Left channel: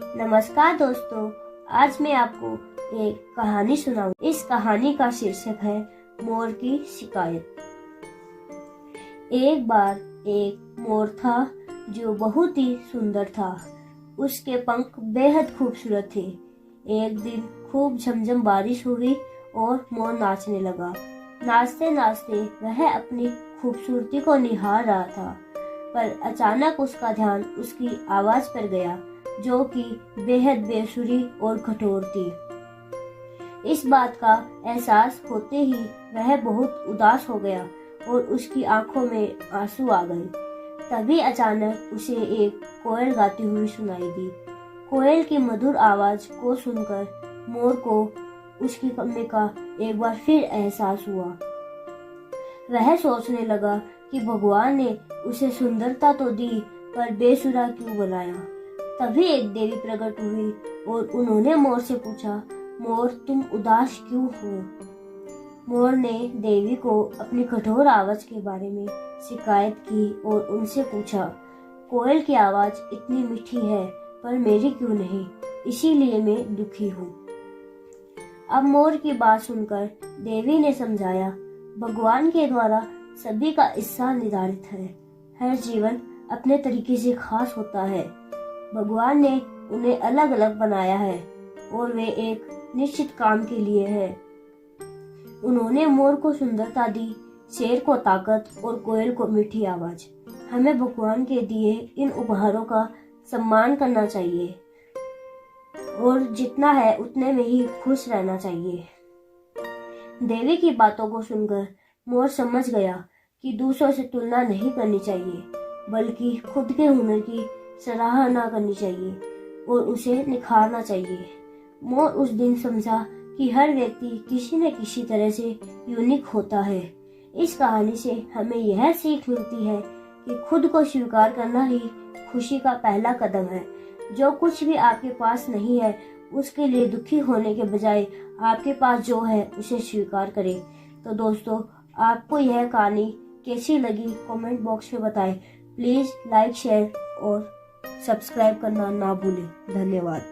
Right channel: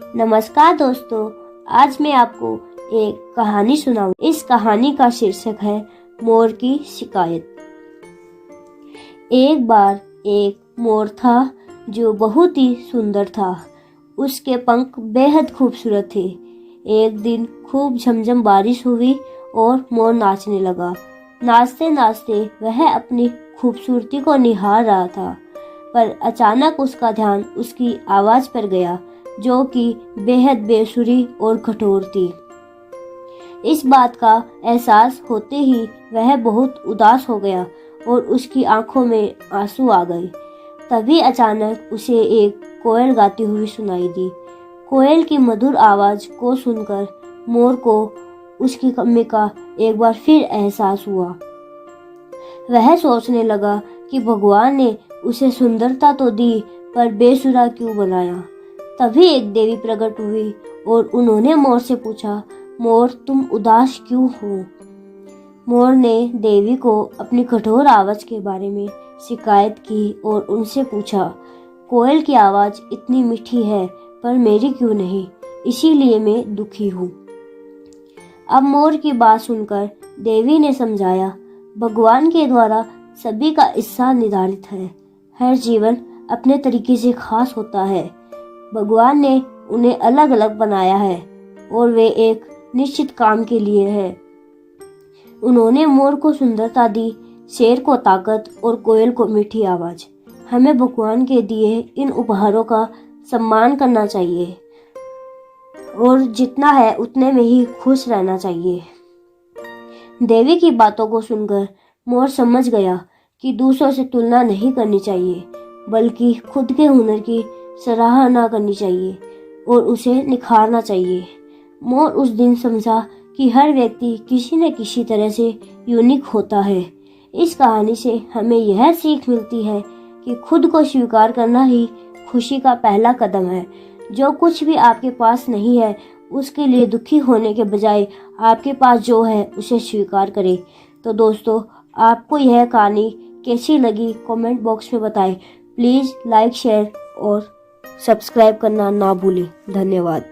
नमस्कार दोस्तों, आज मैं आपको एक कहानी सुनाऊं। इस कहानी का शीर्षक है मोर की शिकायत। एक बार एक मोर था जो बहुत ही सुंदर था। उसके पंख बेहद खूबसूरत थे। एक दिन खूब झमझम बारिश हुई और मोर नाचने लगा। नाचते नाचते वह अपनी खूबसूरती को निहार रहा था, पर अचानक उसका ध्यान उसकी आवाज पर गया, जो कि बेहद बेसुरी और कठोर थी। इस बात का एहसास होते ही वह बहुत उदास हो गया और उसकी आंखों में आंसू आ गए। तभी अचानक उसे एक कोयल गाती हुई सुनाई दी। कोयल की मधुर आवाज को सुनकर मोर को उसकी कमी का एक बार फिर एहसास हुआ। वह सोचने लगा कि भगवान ने उसे सुंदरता तो दी, पर बेसुरा क्यों बनाया। तभी एक देवी प्रकट हुई और उन्होंने मोर से पूछा, मोर तुम उदास क्यों हो? मोर ने देवी को अपनी कठोर आवाज के बारे में शिकायत की और उनसे पूछा, कोयल की आवाज इतनी मीठी है, पर मेरी क्यों नहीं? इसीलिए मैं दुखी हूँ। अब मोर की बात सुनकर देवी ने समझाया, भगवान के द्वारा सभी का हिस्सा निर्धारित है। हर जीवन अपने तरीके से खास होता है। भगवान ने उन्हें अलग अलग बनाया है और वे एक निश्चित काम के लिए है। उन्होंने मोर को सुंदरता दी, शेर को ताकत और कोयल को मीठी आवाज। हमें भगवान के दिए इन उपहारों का सम्मान करना चाहिए और जितना है उतने में ही खुश रहना चाहिए। देवी की बातों को सुनकर मोर समझ गया कि दूसरों से तुलना नहीं करनी चाहिए, बल्कि खुद के हुनर की सराहना करनी चाहिए और उसे निखारना चाहिए। मोर उस दिन समझा कि हर व्यक्ति किसी न किसी तरह से यूनिक होता है। इस कहानी से हमें यह सीख मिलती है कि खुद को स्वीकार करना ही खुशी का पहला कदम है। जो कुछ भी आपके पास नहीं है, उसके लिए दुखी होने के बजाय आपके पास जो है उसे स्वीकार करें। तो दोस्तों, आपको यह कहानी कैसी लगी कमेंट बॉक्स में बताएं। प्लीज़ लाइक, शेयर और सब्सक्राइब करना ना भूलें। धन्यवाद।